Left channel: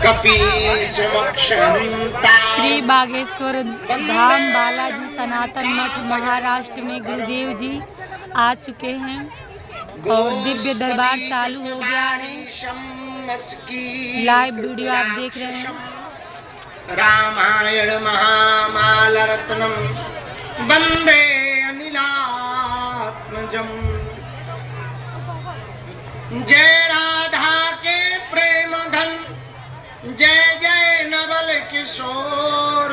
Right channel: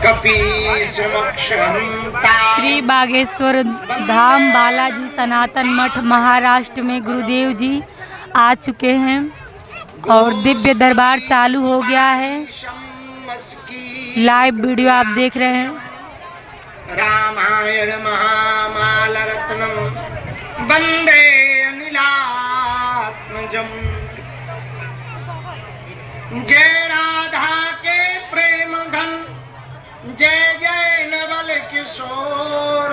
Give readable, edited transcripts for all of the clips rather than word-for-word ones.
श्री बागेश्वर धाम बालाजी सनातन मठ महाराष्ट्र में गुरुदेव जी आ चुके हैं और दिव्य दरबार चालू हो गया है। लाइव वीडियो आप देख रहे हैं। रामायण महामाल रत्नम वंदे अनिलात्मजम। जय राधा के प्रेम धन, जय जय नवल किशोर,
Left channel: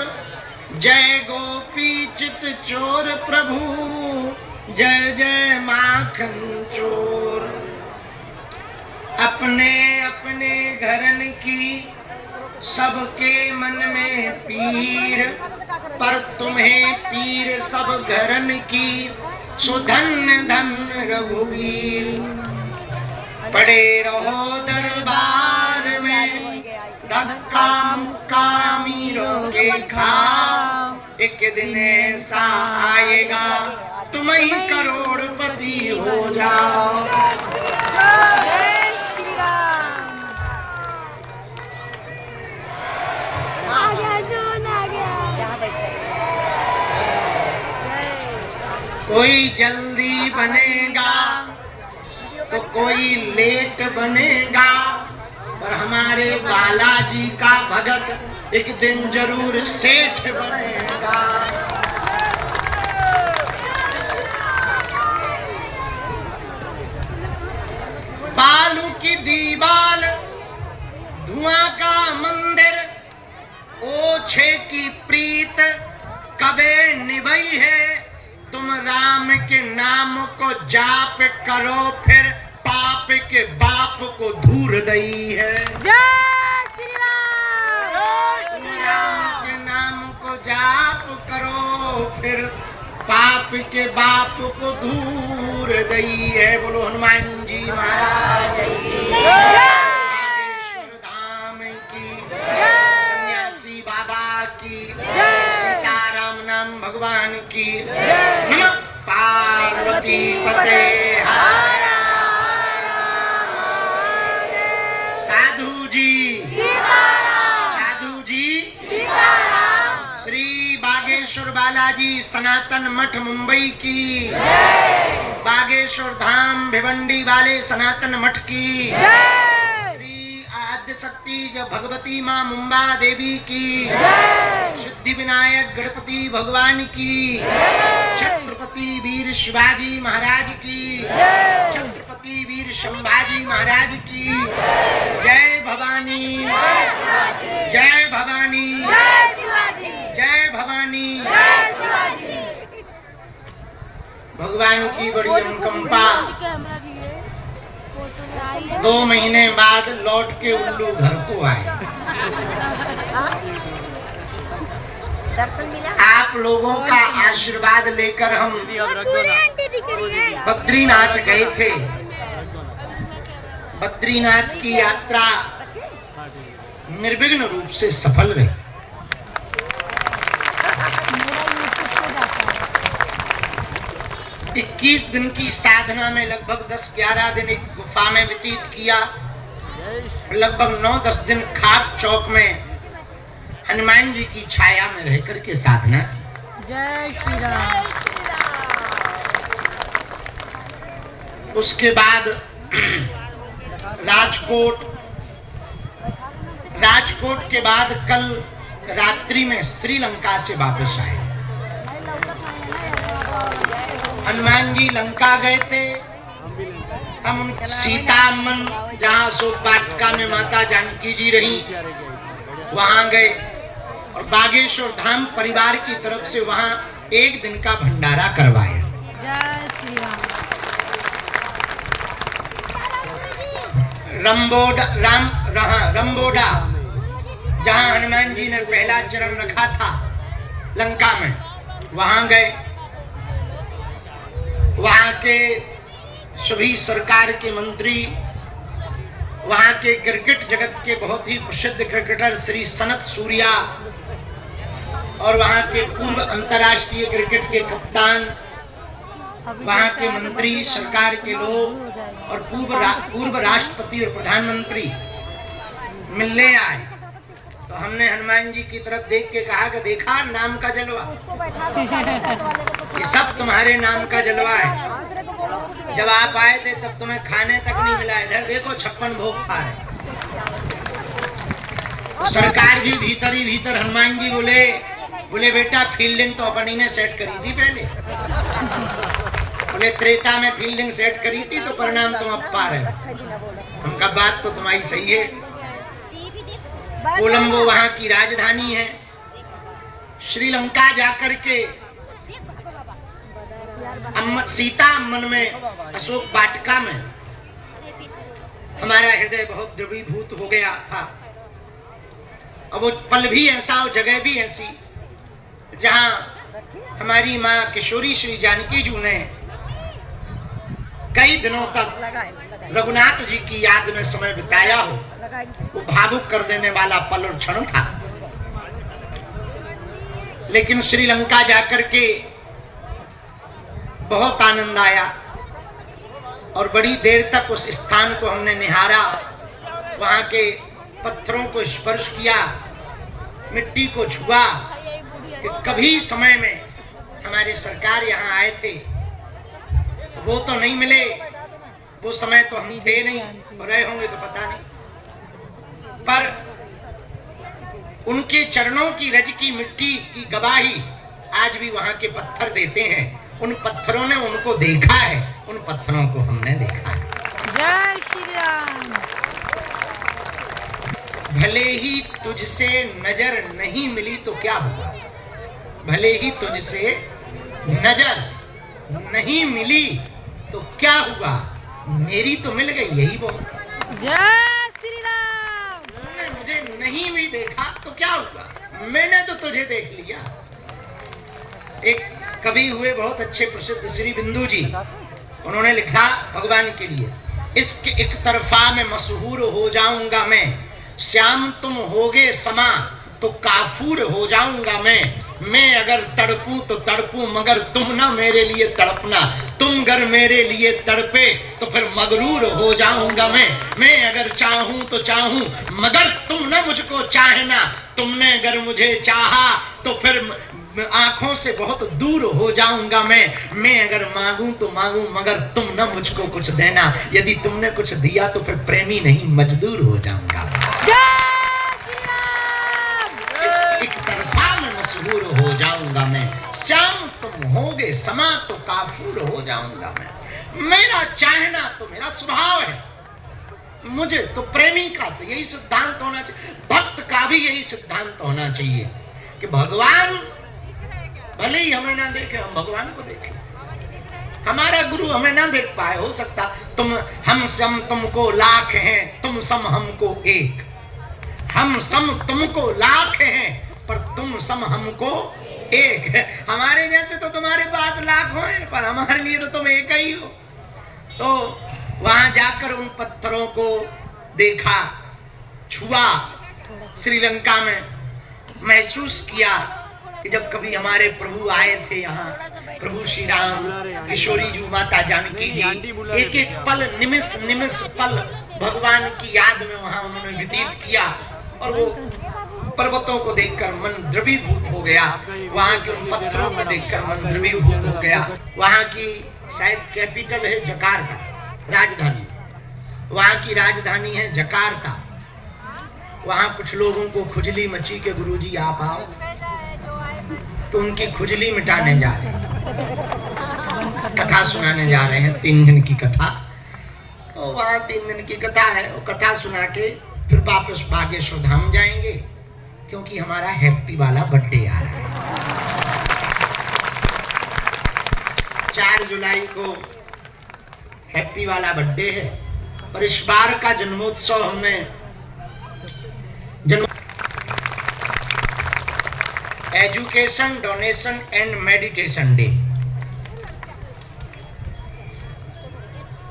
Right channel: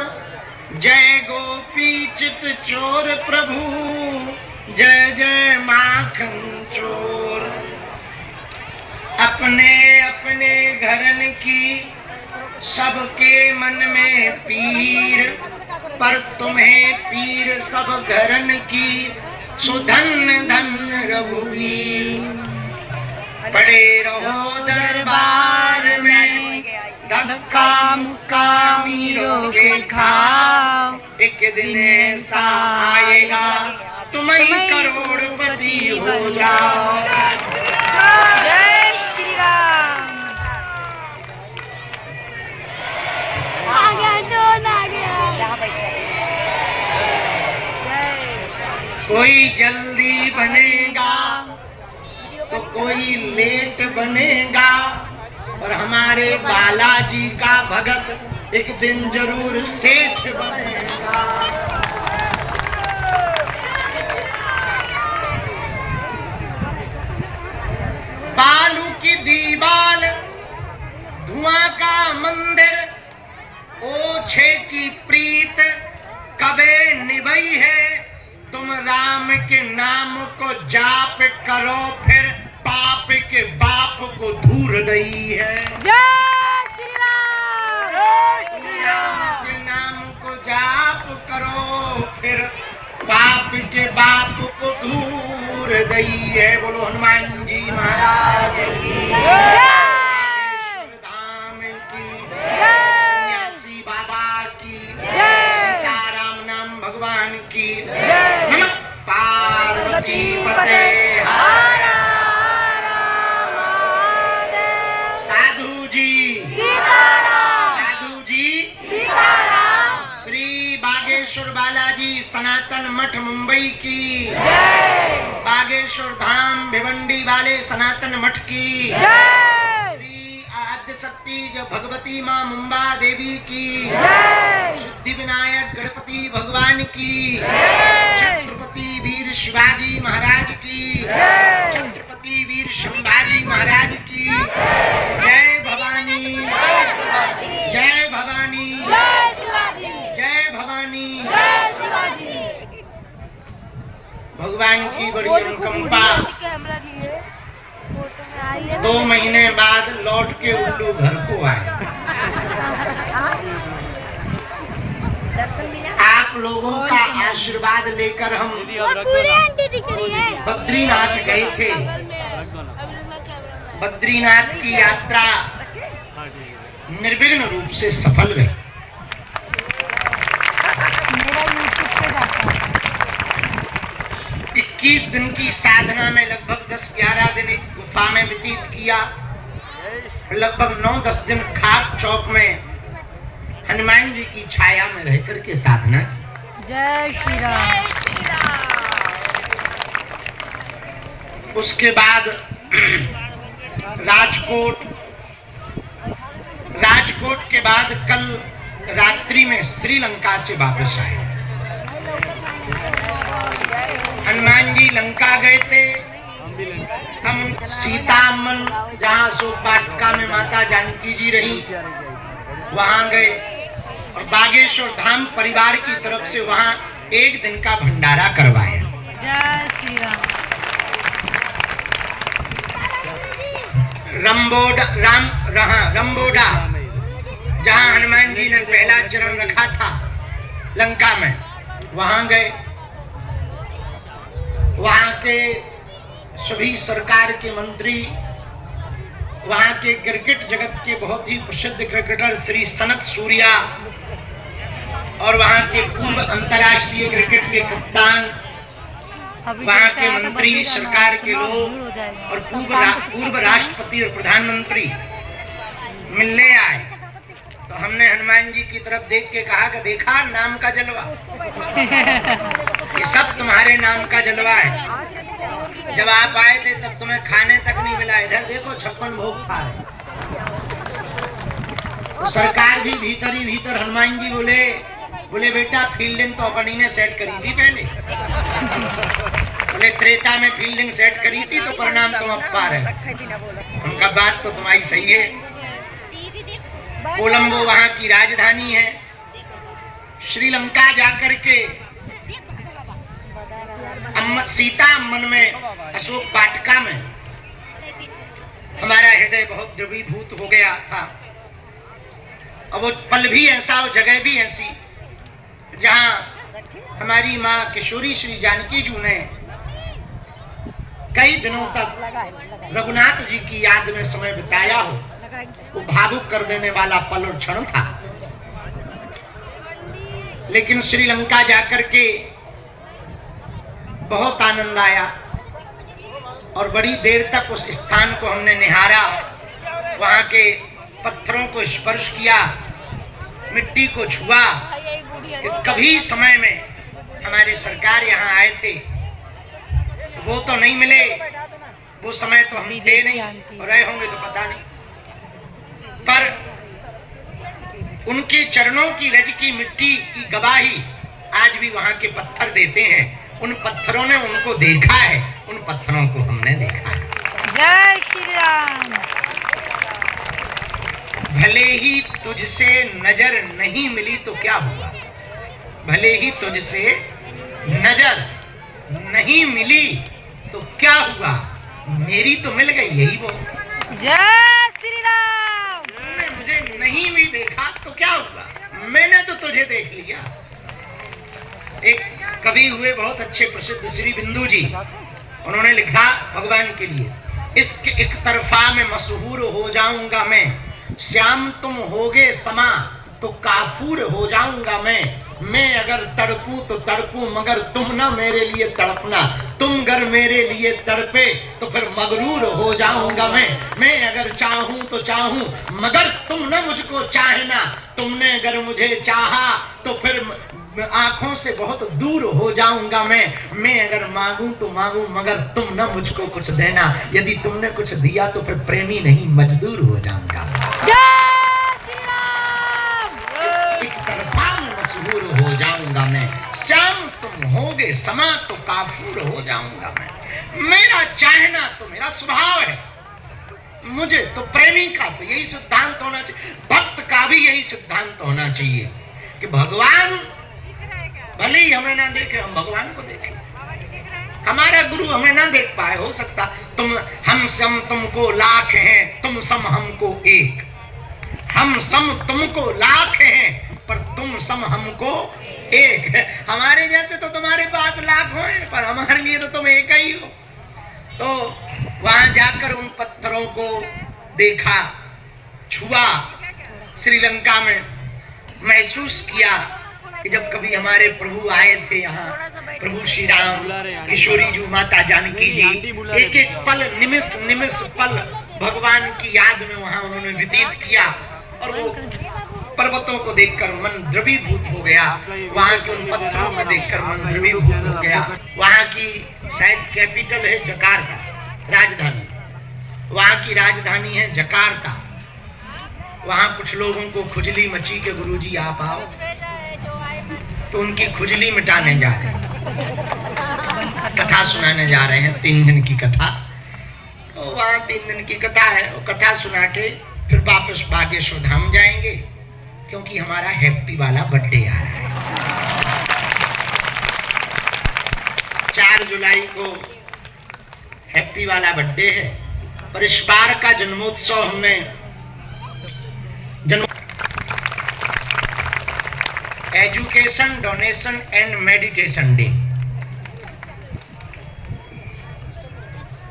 जय गोपी चित चोर प्रभु, जय जय माखन चोर। अपने अपने घरन की सबके मन में पीर, पर तुम्हें पीर सब घरन की, सुधन धन रघुवीर। पड़े रहो दरबार में, धक्का मुक्का मीरों के खाओ। एक दिन ऐसा आएगा तुम ही करोड़पति हो जाओ। जय श्री राम। कोई जल्दी बनेगा तो कोई लेट बनेगा, पर हमारे बालाजी का भगत एक दिन जरूर सेठ बनेगा। बालू की दीवार, धुआं का मंदिर, ओछे की प्रीत कबे निभाई है। तुम राम के नाम को जाप करो, फिर पाप के बाप को धूर दई है। जय श्री राम। श्री राम के नाम को जाप करो, फिर पाप के बाप को दूर दई है। बोलो हनुमान जी महाराज की जय। धाम की जय। सन्यासी बाबा की जय। सीताराम नाम भगवान की जय। नमः पार्वती पते। साधु जी सीताराम। साधु जी सीताराम। श्री बागेश्वर बालाजी सनातन मठ मुंबई की जय। बागेश्वर धाम भिवंडी वाले सनातन मठ की जय। श्री आद्य शक्ति जो भगवती माँ मुंबा देवी की जय। सिद्धि विनायक गणपति भगवान की जय। छत्रपति वीर शिवाजी महाराज की जय। छत्रपति वीर संभाजी महाराज की जय भवानी। जय भवानी। जय शिवाजी। जय भवानी। जय शिवाजी। भगवान की बड़ी अनुकंपा। 2 महीने बाद लौट के उल्लू घर को आए। दर्शन मिला। आप लोगों का आशीर्वाद लेकर हम बद्रीनाथ गए थे। बद्रीनाथ की यात्रा निर्विघ्न रूप से सफल रही। 21 दिन की साधना में लगभग 10-11 दिन एक गुफा में व्यतीत किया। लगभग 9-10 दिन खाक चौक में हनुमान जी की छाया में रह करके साधना की। जय श्री राम। उसके बाद राजकोट के बाद कल रात्रि में श्रीलंका से वापस आए। हनुमान जी लंका गए थे। हम सीतामन जहाँ शोक वाटिका में माता जानकी जी रही वहां गए, और बागेश्वर धाम परिवार की तरफ से वहां 1 दिन का भंडारा करवाया। जय श्री राम। रंबोडा जहां हनुमान जी ने पहला चरण रखा था लंका में, वहां गए। वहां के सभी सरकार के मंत्री, वहां के क्रिकेट जगत के बहुत ही प्रसिद्ध क्रिकेटर श्री सनत सूर्या, और वहां के पूर्व अंतर्राष्ट्रीय क्रिकेट के कप्तान, वहाँ के मंत्री, सरकार के लोग और पूर्व राष्ट्रपति और प्रधानमंत्री मिलने आए। हमने हनुमान जी की तरफ देख के कहा कि देखा नाम का जलवा, ये सब तुम्हारे नाम का जलवा है। जब आप आए थे तब तुम्हें खाने तक नहीं मिला, इधर देखो 56 भोग खा रहे। तो सरकार भी भीतर ही भीतर हनुमान जी बोले बेटा फील्डिंग तो अपनी ने सेट करी थी पहले, बोले त्रेता में फील्डिंग सेट करी थी तो परिणाम तुम अब पा रहे। उनका बात तो तुम्हारी सही है। कोलंबो वहां की राजधानी है। श्रीलंका जाकर के सीता अम्मन में अशोक वाटिका में हमारा हृदय बहुत द्रवीभूत हो गया था। और वो पल भी ऐसा, वो जगह भी ऐसी जहां हमारी माँ किशोरी श्री जानकी जी ने कई दिनों तक रघुनाथ जी की याद में समय बिताया हो। वो भावुक कर देने वाला पल और क्षण था। लेकिन श्रीलंका जाकर के बहुत आनंद आया और बड़ी देर तक उस स्थान को हमने निहारा, वहां के पत्थरों को स्पर्श किया, मिट्टी को छुआ। कि कभी समय में हमारे सरकार यहाँ आए थे, वो तो नहीं मिले, वो समय तो हम थे नहीं, रहे होंगे तो पता नहीं, पर उनके चरणों की रज की मिट्टी की गवाही आज भी वहां के पत्थर देते हैं। उन पत्थरों ने उनको देखा है, उन पत्थरों को हमने देखा है। जय श्री राम। भले ही तुझसे नजर नहीं मिली तो क्या हुआ, भले ही तुझसे नजर नहीं मिली तो क्या हुआ, मेरी तो मिल गई, यही बहुत। जय श्री राम। तुमने मुझे नहीं भी देखा तो क्या हुआ, मैंने तो तुझे देख लिया। एक कवि हुए बहुत अच्छे प्रसिद्ध श्री बिंदु जी, उन्होंने लिखा भगवान के लिए, इसके एक तरफा में मशहूर हो जाऊंगा मैं, श्याम तुम होगे समा तो काफूर हो जाऊंगा मैं अगर तड़पूं तो तड़पूं मगर तुम ना मेरे लिए तड़पना, तुम अगर मेरे लिए तड़पे तो फिर मगरूर हो जाऊंगा मैं अगर चाहूं तो चाहूं मगर तुम ना मुझको चाहना, तुमने अगर मुझे चाहा तो फिर आंखों से बहुत दूर हो जाऊंगा मैं अगर मांगूं तो मांगूं मगर तुम ना मुझको कुछ देना, यदि तुमने कुछ दिया तो फिर प्रेमी नहीं मजदूर हो जाऊंगा। हो जाऊंगा मैं, श्याम तुम होगे समा तो काफूर हो जाऊंगा मैं। मेरा चाहना तो मेरा स्वभाव है, मुझे तो प्रेमी का तो यही सिद्धांत होना चाहिए, भक्त का भी यही सिद्धांत होना चाहिए कि भगवान भले ही हमें ना देखे, हम भगवान को देखें। हमारा गुरु हमें ना देख पाए, हो सकता हम सम तुमको लाख हैं, तुम सम हमको एक, हम सम तुमको लाख हैं पर तुम सम हमको एक। हमारे जैसे तो तुम्हारे पास लाखों हैं, पर हमारे लिए तो तुम एक ही हो। तो वहां जाकर उन पत्थरों को देखा, छुआ, श्रीलंका में महसूस किया कि जब कभी हमारे प्रभु आए थे यहाँ, प्रभु श्री राम, किशोरी जी, माता जानकी जी, एक एक पल, निमिष निमिष पल भगवान की याद में वहां उन्होंने व्यतीत किया। और वो पर्वतों को देखकर मन द्रवीभूत हो गया, वहां के उन पत्थरों को देखकर मन द्रवीभूत हो गया। वहां की शायद कैपिटल है जकार्ता, राजधानी, वहां की राजधानी है जकार्ता। वहां कुछ लोगों को खुजली मची के गुरुजी आप आओ, तो उनकी खुजली मिटाने जा रहे हैं, कथा सुनाने जा रहे हैं, 3 दिन की कथा। तो वहां 3 दिन की कथा है, वो कथा सुना के फिर वापस बागेश्वर धाम जाएंगे, क्योंकि हमारा हैप्पी वाला बर्थडे आ रहा है। 4 जुलाई को हैप्पी वाला बर्थडे है, और इस बार का जन्मोत्सव हमने education, donation and meditation day,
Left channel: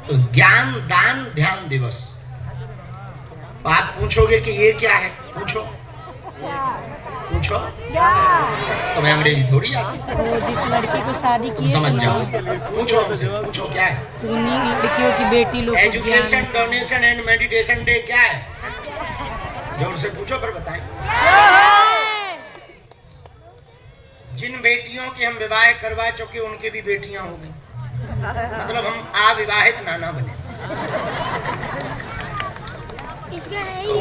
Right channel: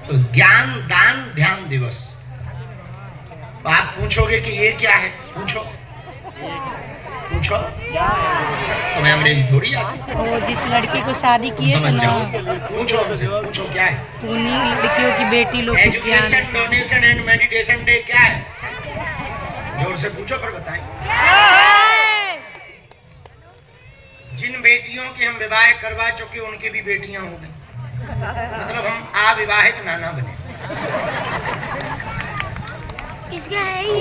तो ज्ञान दान ध्यान दिवस। तो आप पूछोगे कि ये क्या है, पूछो तुम्हें अंग्रेजी थोड़ी आती। वो जिस लड़की को शादी किए थे ना, पूछो क्या है, उन्हीं लड़कियों की बेटी लोग को ज्ञान। Education, donation and meditation day क्या है, जोर से पूछो कर बताएं। बेटियों के हम विवाह करवा चुके, उनके भी बेटियां हो गई, मतलब हम अविवाहित नाना बने।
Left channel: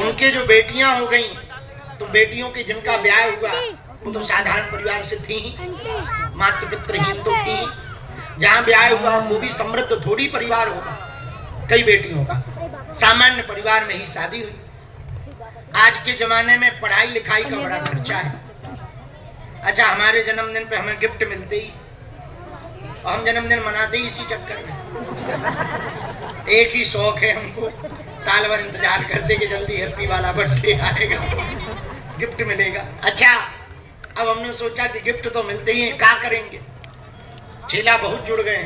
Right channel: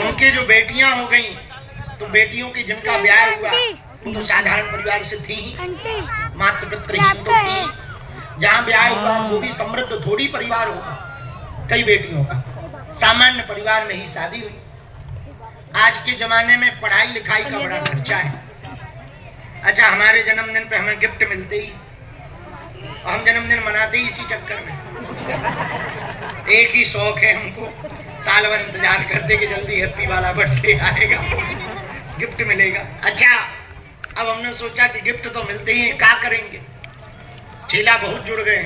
उनके जो बेटियां हो गई, तो बेटियों की जिनका ब्याह हुआ वो तो साधारण परिवार से थी, मातृ पितृहीन तो थी। जहाँ ब्याह हुआ वो भी समृद्ध थोड़ी परिवार होगा, कई बेटियों का सामान्य परिवार में ही शादी हुई। आज के जमाने में पढ़ाई लिखाई का बड़ा खर्चा है। अच्छा, हमारे जन्मदिन पे हमें गिफ्ट मिलते ही, हम जन्मदिन मनाते ही इसी चक्कर में। एक ही शौक है हमको, साल भर इंतजार करते कि जल्दी हैप्पी वाला बर्थडे आएगा, गिफ्ट मिलेगा। अच्छा, अब हमने सोचा कि गिफ्ट तो मिलते ही हैं, क्या करेंगे, चेला बहुत जुड़ गए,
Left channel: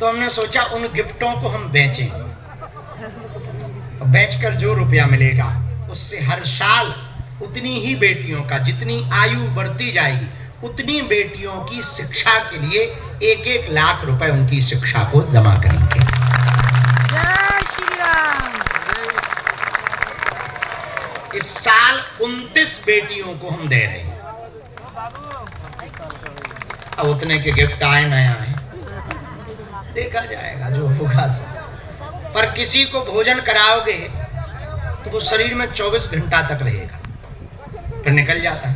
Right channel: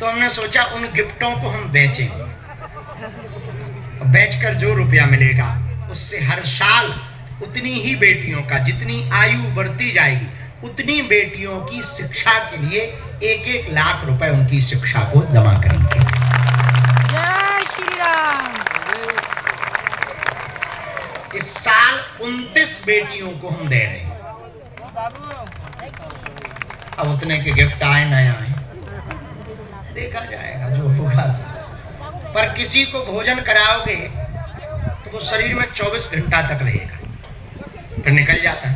तो हमने सोचा उन गिफ्टों को हम बेचें। बेचकर जो रुपया मिलेगा उससे हर साल उतनी ही बेटियों का, जितनी आयु बढ़ती जाएगी उतनी बेटियों की शिक्षा के लिए 1-1 लाख रुपए उनकी शिक्षा को जमा करेंगे। जय श्री राम। इस साल 29 बेटियों को हम दे रहे हैं। अब उतने के गिफ्ट आए ना आए देखा जाएगा, जो होगा। पर किसी को भोजन कराओगे तो वो शरीर में 24 घंटा तक रहेगा, फिर निकल जाता है।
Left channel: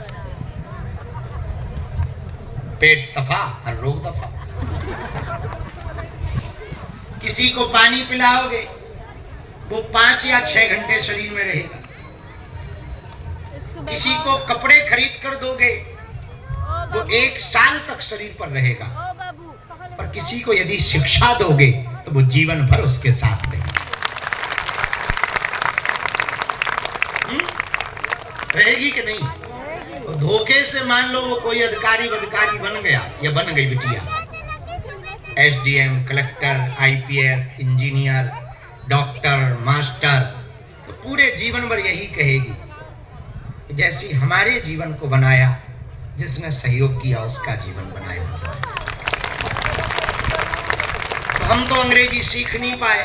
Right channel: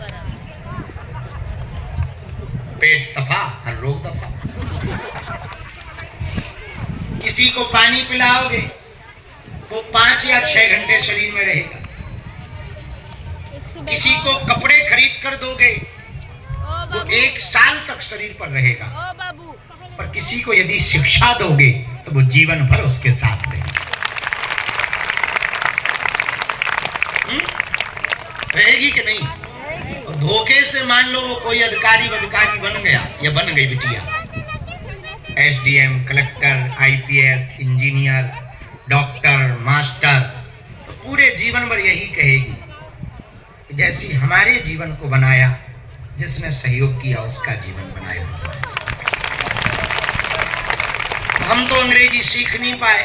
पेट सफा, हर रोग दफा। किसी को पानी पिलाओगे वो 5 या 6 घंटे शरीर में रहेगा। किसी को कपड़े खरीद कर दोगे वो 1 साल तक शरीर पर रहेगा। पर किसी को यदि शिक्षा दोगे तो वो जीवन भर उसके साथ रहेगा। रहेगी कि नहीं? तो धोखे से मान लो वो कोई अधिकारी बन गया या बन गई बिटिया, SDM, collector, IPS, engineer, doctor, master, तो पूरे जीवन भर यही कहेगी जैसी हमारे जीवन को बनाया, जिसने सहयोग किया उसका जीवन बनाया। हम तो अंग्रेजी सीख नहीं पाए।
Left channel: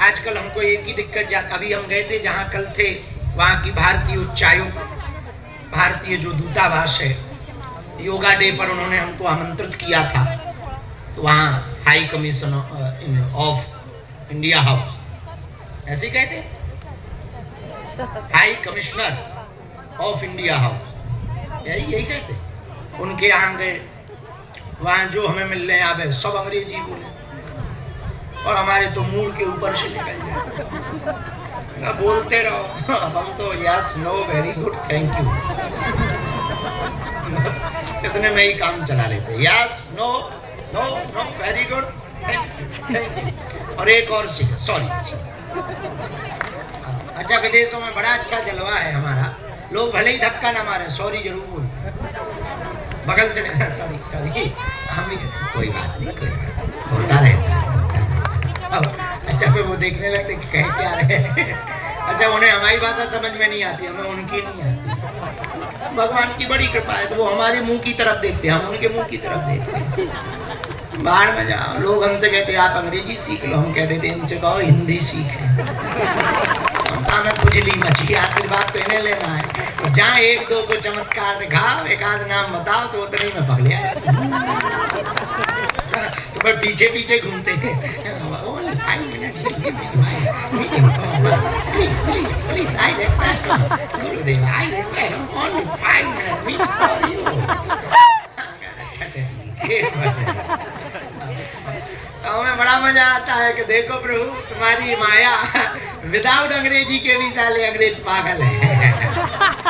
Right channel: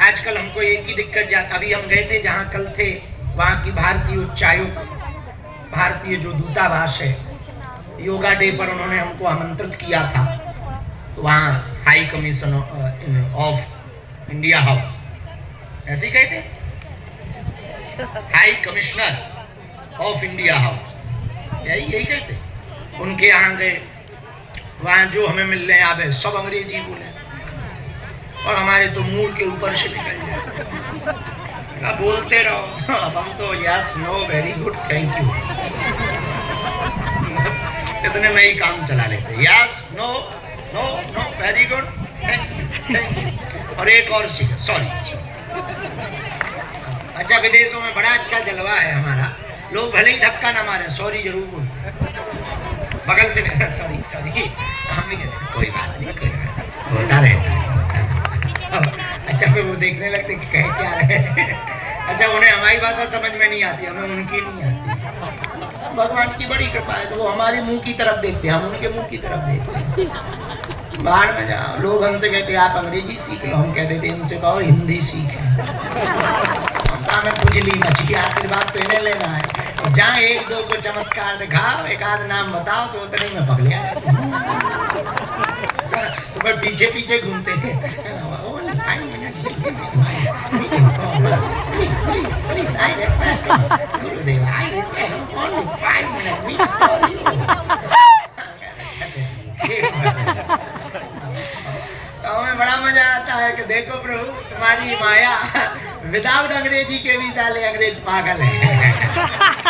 आजकल हमको एक ही दिक्कत अभी हम गए थे जहाँ कल थे, वहाँ की भारतीय उच्चायोग, भारतीय जो दूतावास है, योगा डे पर उन्होंने हमको आमंत्रित किया था। तो वहाँ high commission of India house, ऐसे कहते, high commissioner of India house, यही कहते। उनके यहाँ गए, वहाँ जो हमें मिलने आवे सब अंग्रेजी बोले और हमारे तो मुंह के ऊपर से निकल जाए। बोलते रहो, हम तो yes, no, very good, thank you, इतने में ही काम चला लेते। Yes, no, no, no, very good, thank you, और एक और सीख, सॉरी। अच्छा, विदेशों में बड़ा अच्छा जलवा है हमारा, लोग भले ही धक्का ना मारे, सॉरी जरूर बोलते, बगल से सॉरी सॉरी, हम भी कहते कोई बात नहीं, कोई बात नहीं, होता रहता है। अच्छा, फिर वो देखने लगते कि कह क्या रहे। अच्छा, उन्हें हमारी बात समझ में नहीं आती, हमें उनकी नहीं आती। भगवान की बड़ी कृपा है, तो वो हमारे मुंह की तरफ देखते हैं, हम उनके मुंह की तरफ देखते हैं। बाहर में जाओ, लोग हमसे कहते हैं आप अंग्रेजी सीख लो, हम कहते थे इनसे कहो हिंदी सीखे। हमें खुजली मची, आशीर्वाद तो इन्हें लेना है। जहाँ 1-2 को चमत्कार दिखाओ, एक आध नाम बताओ तो उतने में पकड़ लिया। तो फिर पीछे पीछे घूमते थे। हमें बड़ा मजा आता है कि देखो प्रभु तुम्हारी माया, विदाउट अंग्रेजी के भी साले अंग्रेज पागल है।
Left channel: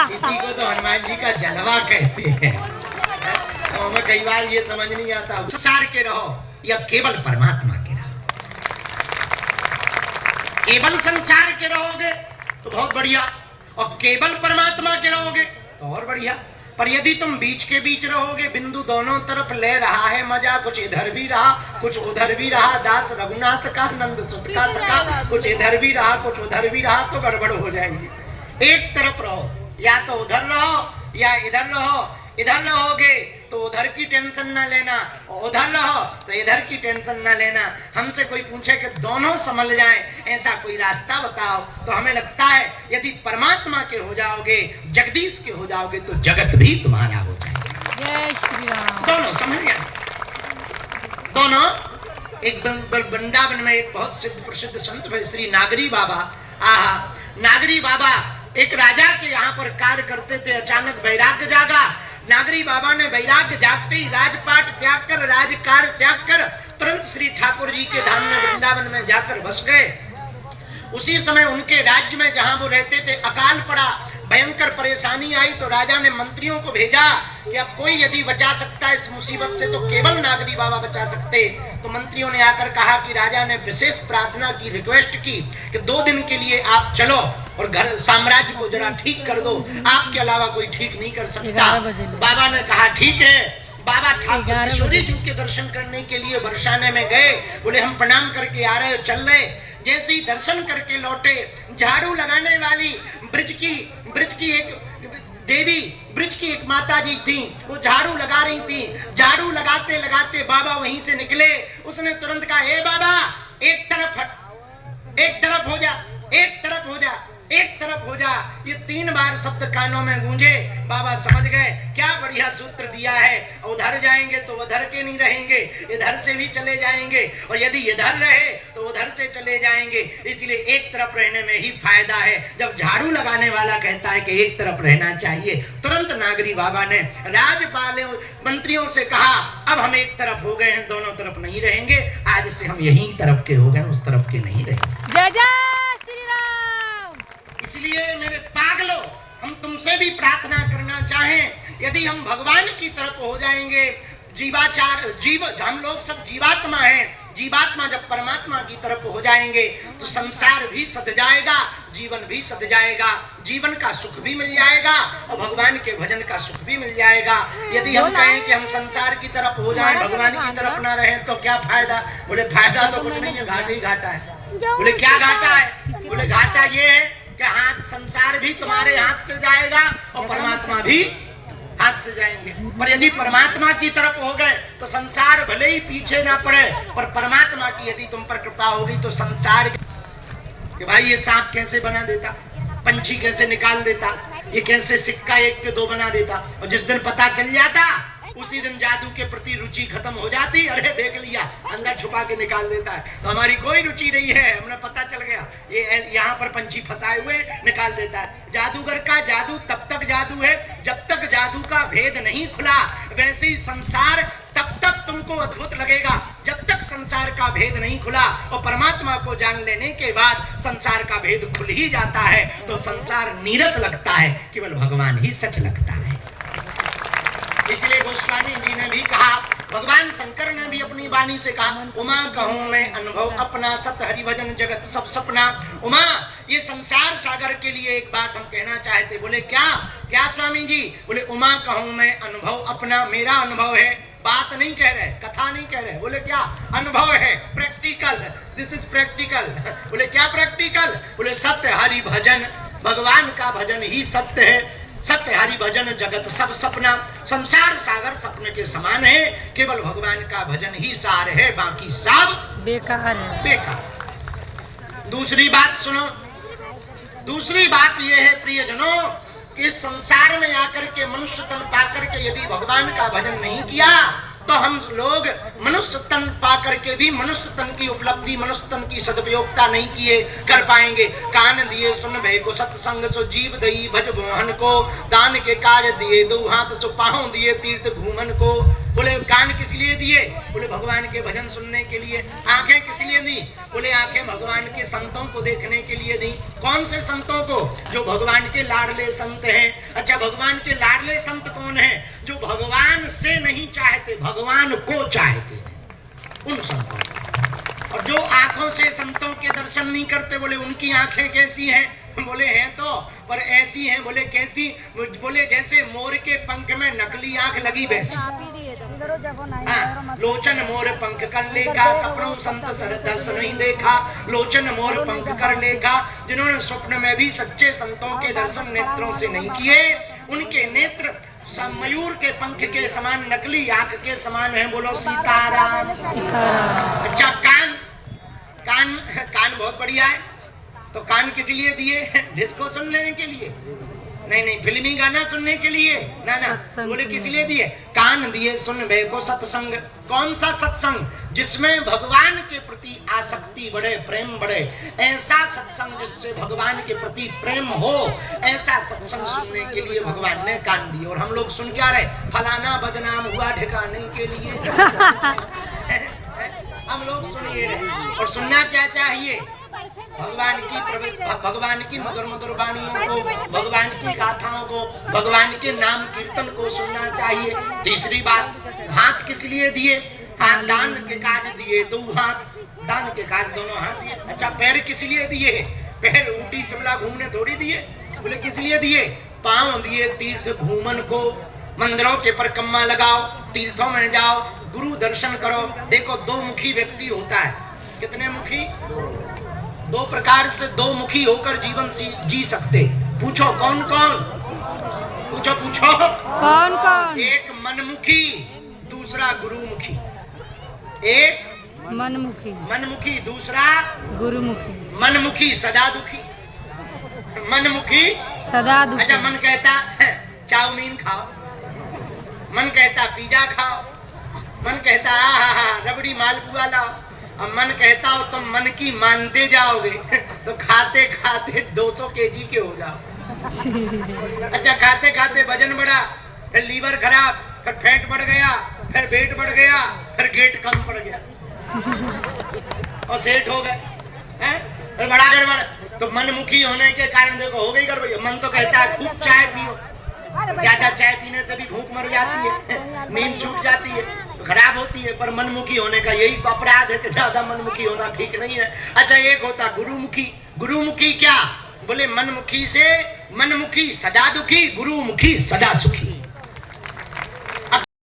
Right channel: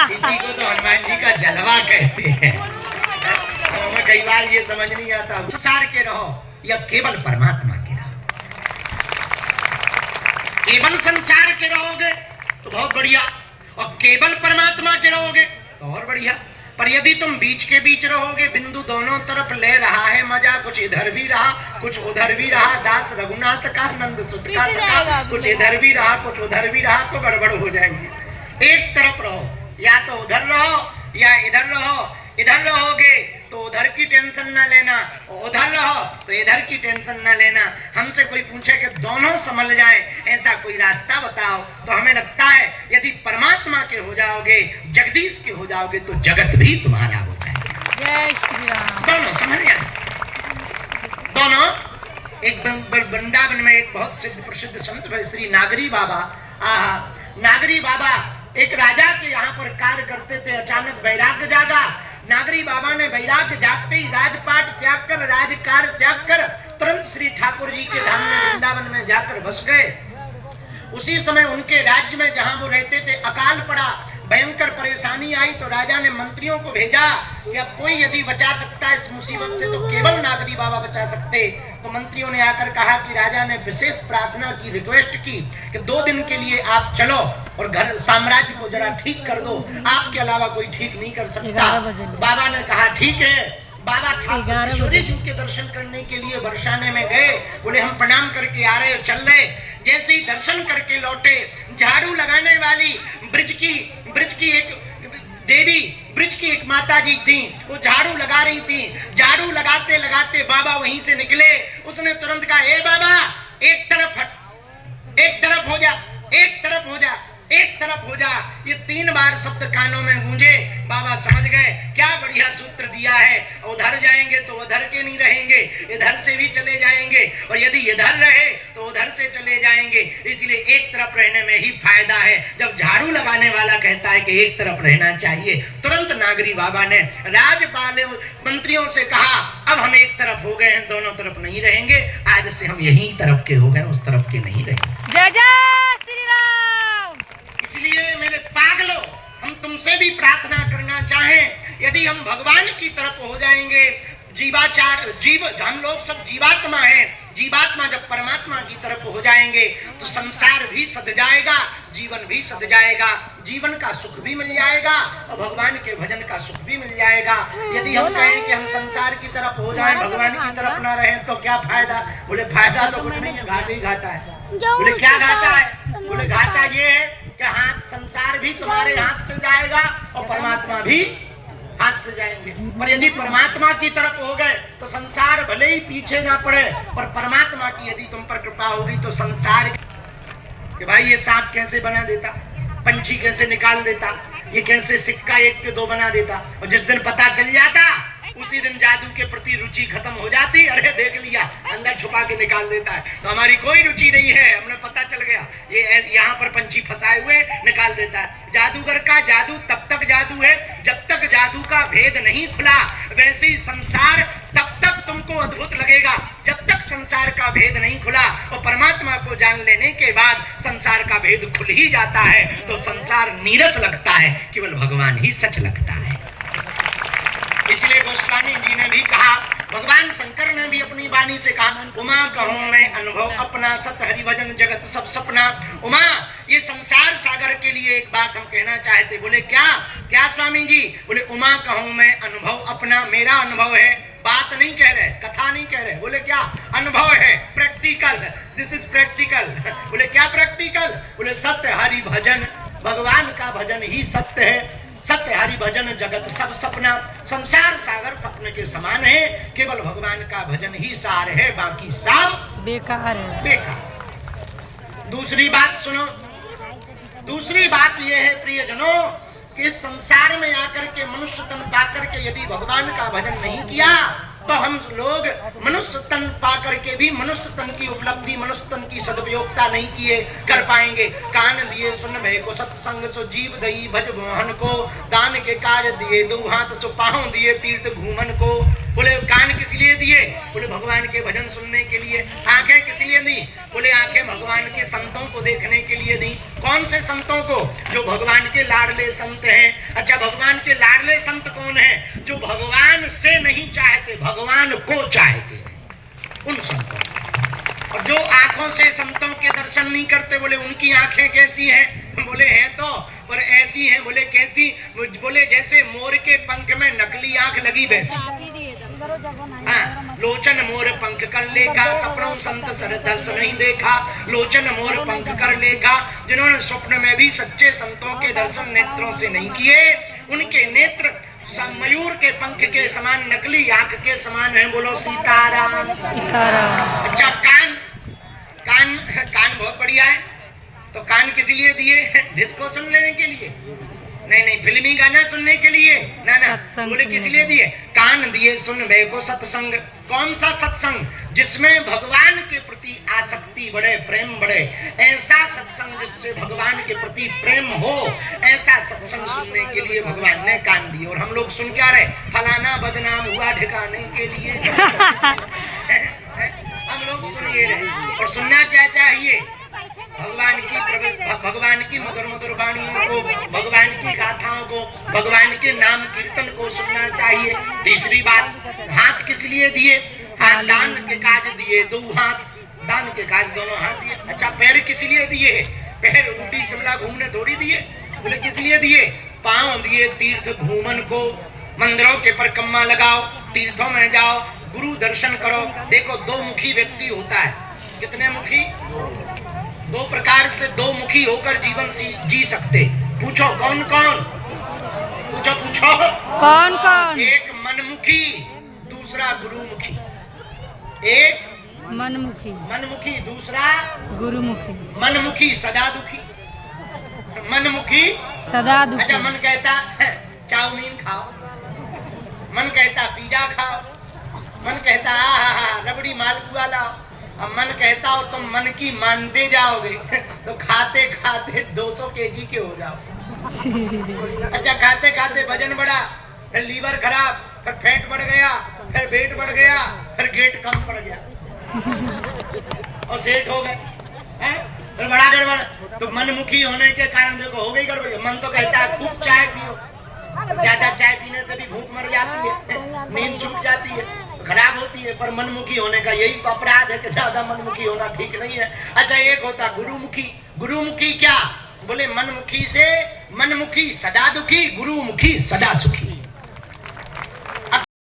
इसी को तो हनुमान जी का जलवा कहते हैं। तो हमें कई बार ये समझ नहीं आता, संसार के रहो या केवल परमात्मा के रहो। केवल संसार के रहोगे तो बहुत बढ़िया, और केवल परमात्मा के रहोगे तो और बढ़िया। पर यदि तुम बीच के बीच रहोगे, बिंदु दोनों तरफ ले रहा है मजा, कुछ इधर भी रहा कुछ उधर भी रहा, दास रघुनाथ का नंद सुत का सखा, कुछ इधर भी रहा कुछ उधर भी रहा, तो गड़बड़ हो जाएंगी। एक तरफ रहो, या तो उधर रहो या इधर रहो। इधर रहोगे तो उधर की टेंशन ना लेना, और उधर रहो तो इधर की टेंशन ना लेना। हमसे कोई पूछे कि दोनों संभल जाए, ऐसा कोई रास्ता बताओ, तो हमें लगता है यदि परमात्मा के हो जाओगे, जगदीश के हो जाओगे, तो जगत भी तुम्हारा हो जाएगा। जय श्री राम। दोनों समझ गए, दोनों। एक वृंदावन में एक बहुत सिद्ध प्रसिद्ध संत भाई श्री नागरी बाबा, आहा, नागरी बाबा एक राजा के यहाँ पर कार्य करते थे। अचानक वैराग्य जागा। नागरी बाबा ने वैराग्य जागते ही राजपाट त्याग कर, राजकार्य त्याग कर तुरंत श्री ठाकुर जी के धाम में वृंदावन में जाकर बस गए। उसी समय उनके राज्य में जहां वो रहते थे अकाल पड़ा, भयंकर परेशानी आई, तो राजा ने मंत्रियों को भेजा कि अब कोई यदि बचा सकता है इस मुसीबत से तो केवल नागरी बाबा बचा सकते। तो मंत्रियों ने आकर कहा कि राजा ने विशेष प्रार्थना की, रिक्वेस्ट की कि 2 दिन के लिए आप चलो और घर साम्राज्य को जरा ठीक कर दो, आपके अलावा कोई ठीक नहीं कर सकता। बाबा ने कहा ठीक है। बाबा ठाकुर जी के दर्शन करने के लिए बरसाने में गए। बोले हम प्रणाम करके आ रहे हो, चल रहे। जैसे ही दर्शन करके लौटे, झाड़ू लगाने वाली ब्रिज की एक देवी, ब्रिज की एक माता जी थी, वो झाड़ू लगा रही थी। झाड़ू लगाते लगाते बाबा वहीं से निकले। उसने तुरंत कहा, ए बाबा एक तरफ हट, एक तरफ हो जा, एक तरफ हो जा, एक तरफ हो जा। ये 3 बार शब्द कानों में गूंजे। बाबा समझ गए क्या बढ़िया सूत्र दिया है। उधर जाएंगे तो उधर के नहीं रहेंगे, इधर से भी चले जाएंगे, और यदि इधर रहे तो उधर से चले जाएंगे। इसलिए एक तरफ रहने में ही फायदा है। जब झाड़ू लगाने वाला कहता है कि एक तरफ रहना चाहिए, तुरंत नागरी बाबा ने राजपाल मंत्रियों से कहा, अब हम एक तरफ हो गए हैं, दोनों तरफ नहीं रहेंगे। आज से हम यही तरफ के हो गए, उस तरफ के नहीं रहेंगे। जय जय श्री राम। इसलिए मेरे पागलों, हम तुमसे भी प्रार्थना करना चाहें, यदि हम भगवान की तरफ हो जाएंगे, हम लोग सब जीवात्मा हैं, जीवात्मा जब परमात्मा की तरफ हो जाएंगे तो संसार भी सध जाएगा, जीवन भी सध जाएगा, जीवन का सुख भी मिल जाएगा और भगवान के भजन का सुख भी मिल जाएगा। यदि हम कहें कि हम संसार की तरफ हो जाएं, भगवान की तरफ ना रहें, तो क्या फायदा? बोले फायदा तो कुछ नहीं है, घाटा ही घाटा है। बोले क्या घाटा है? बोले घाटा ये है कि हाथ संसार भी तुम्हारे हाथ से जाएगा और परमात्मा भी हाथ से जाएंगे। पर यदि परमात्मा की तरफ हो गए तो संसार भले ही पीछे ना पड़े, पर परमात्मा की यदि तुम पर कृपा होगी तो संसार कि भाई ये सांप कैसे बना देता, पंछी कैसे निकाल देता, ये कैसे सिक्का 1 के 2 बना देता। और जिस दिन पता चल जाता उसी दिन जादू के प्रति रुचि खत्म हो जाती। अरे देख लिया, अंदर छुपा के निकाल देता है, तो हमारी कोई रुचि नहीं है, हमने पता चल गया ये यहाँ पर पंछी फंसाए हुए, निकाल देता है। जादूगर का जादू तब तक जादू है जब तक जादू का भेद नहीं खुला। वैसे ही संसार तब तक तुमको अद्भुत लगेगा जब तक संसार का भेद नहीं खुला, और परमात्मा को जान लेने के बाद संसार का भेद खुल ही जाता है। तो संसार नीरस लगता है, केवल भगवान ही सच लगता है। इसलिए गोस्वामी जी ने भी कहा, भगवान शंकर ने भी अपनी वाणी से कहा, उमा कहूं मैं अनुभव अपना, सत हरि भजन जगत सब सपना। उमा, ये संसार सागर के लिए एक बात हम कहना चाहते। बोले क्या? क्या स्वामी जी? बोले उमा कहूं मैं अनुभव अपना, मेरा अनुभव है, बात नहीं कह रहे, कथा नहीं कह रहे। बोले क्या? अनुभव है, प्रैक्टिकल, दिस इज प्रैक्टिकल। बोले क्या प्रैक्टिकल? बोले सत्य हरि भजन, भगवान का भजन ही सत्य है। सत्य हरि भजन जगत सब सपना, संसार सागर सपने के समान है, केवल भगवान का भजन ही सार है, बाकी सब बेकार है, बेकार। दूसरी बात सुनो, दूसरी बात यह है प्रियजनों कि संसार में आकर के मनुष्य तन पाकर के यदि भगवान का भजन नहीं किया तो हम लोग मनुष्य तन पाकर के भी मनुष्य तन की उपलब्धि, मनुष्य तन की सदुपयोगता नहीं किए कर पाएंगे। कान दिए सुन भय को, सत्संग सो जीव दई भज मोहन को, दान के कार्य दिए 2 हाथ सो पाँव दिए तीर्थ घूमन को। बोले कान किस लिए दिए? बोले भगवान के भजन सुनने के लिए। आंखें किस लिए दी? बोले आंखें भगवान के संतों को देखने के लिए दी। कौन से संतों को? जो भगवान के लाडले संत हैं। अच्छा, भगवान के लाडले संत कौन हैं? जो भगवान से नहीं चाहते, भगवान को चाहते, उन संतों। और जो आंखों से संतों के दर्शन नहीं करते, बोले उनकी आंखें कैसी हैं? बोले हैं तो, पर ऐसी हैं। बोले कैसी? बोले जैसे मोर के पंख में नकली आंख लगी वैसी। लोचन मोर पंख कर लेगा, सपनों संत सर दर्श नहीं देखा। लोचन मोर पंख कर लेगा, जिन्होंने स्वप्न में भी सच्चे संतों के दर्शन नेत्रों से नहीं किए, उनके नेत्र मयूर के पंख के समान, नकली आंख के समान है। बोलो सीताराम, सीताराम। अच्छा, कान, कान बहुत बढ़िया है। तो कान किस लिए दिए? जिसको सुनने के लिए। नहीं नहीं, फिल्मी गाना सुनने के लिए ना ना, सत्संग बोले किस लिए दिए? कान दिए सुनबे को सत्संग। कौन सा सत्संग? जिसमें भगवान के प्रति आसक्ति बढ़े, प्रेम बढ़े, ऐसा सत्संग जिससे भगवान के प्रति प्रेम हो, ऐसा सत्संग सुनने के लिए भगवान ने कान दिए। और हम लोग सुन क्या रहे? फलाना बदनाम हुआ ठिकाने के लिए। हम लोग सुनिए रहे। और सुनना क्या चाहिए? भगवान की मधुर मधुर वाणियों को, भगवान की गाथाओं को, भगवान के नाम कीर्तन को सुनना चाहिए। तीसरी बात, हाथ किस लिए दिए? हाथ दान के काज दिए, दो हाथ दान के काज, दोनों हाथ दिए। अच्छा, पैर किस लिए दिए? पैर ऊटी शिमला घूमने थोड़ी दिए, बोले किस लिए दिए? पांव दिए तीर्थ भूमन को, मंदिरों के परिक्रमा लगाओ, तीर्थों में जाओ, गुरु दर्शन करो। देखो, दो मुखी व्यक्ति होता है। कितने मुखी? दो प्रकार से दो मुखी होकर जीवन जी सकते। पूछो कौन कौन? पूछो पूछो कौन कौन? एक मनमुखी, दूसरा गुरुमुखी। एक मनमुखी, दूसरा गुरुमुखी। मनमुखी सदा दुखी, मनमुखी सदा दुखी। अच्छा, मन कहता है चाउमीन खाओ, मन कहता पिज्जा खाओ, मन कहता रबड़ी मालपुआ लाओ। अब मन कहता हो तुम मन की मानते जाओगे तो खाते खाते 200 केजी के हो जाओ। अच्छा, खाते खाते वजन बढ़ा, फिर लीवर खराब, फिर फैट बढ़ गया, फिर वेट बढ़ गया, फिर गेट कम पड़ गया और सेठ हो गए, फिर बड़ा गड़बड़। तो मनमुखी होने के कारण देखो हो गई गड़बड़ी। मन तो कहता है खूब चाय पियो, ज्यादा चाय पीने से भी भूख मर जाती है, नींद छूट जाती है, खराब होती है। पर मनमुखी होने का यही अपराध है कि ज्यादा मनमुखी होना ठीक नहीं है। अच्छा, एक होता गुरुमुखी। गुरुमुखी क्या? बोले मनमुखी से, मनमुखी सदा दुखी, गुरुमुखी सदा सुखी।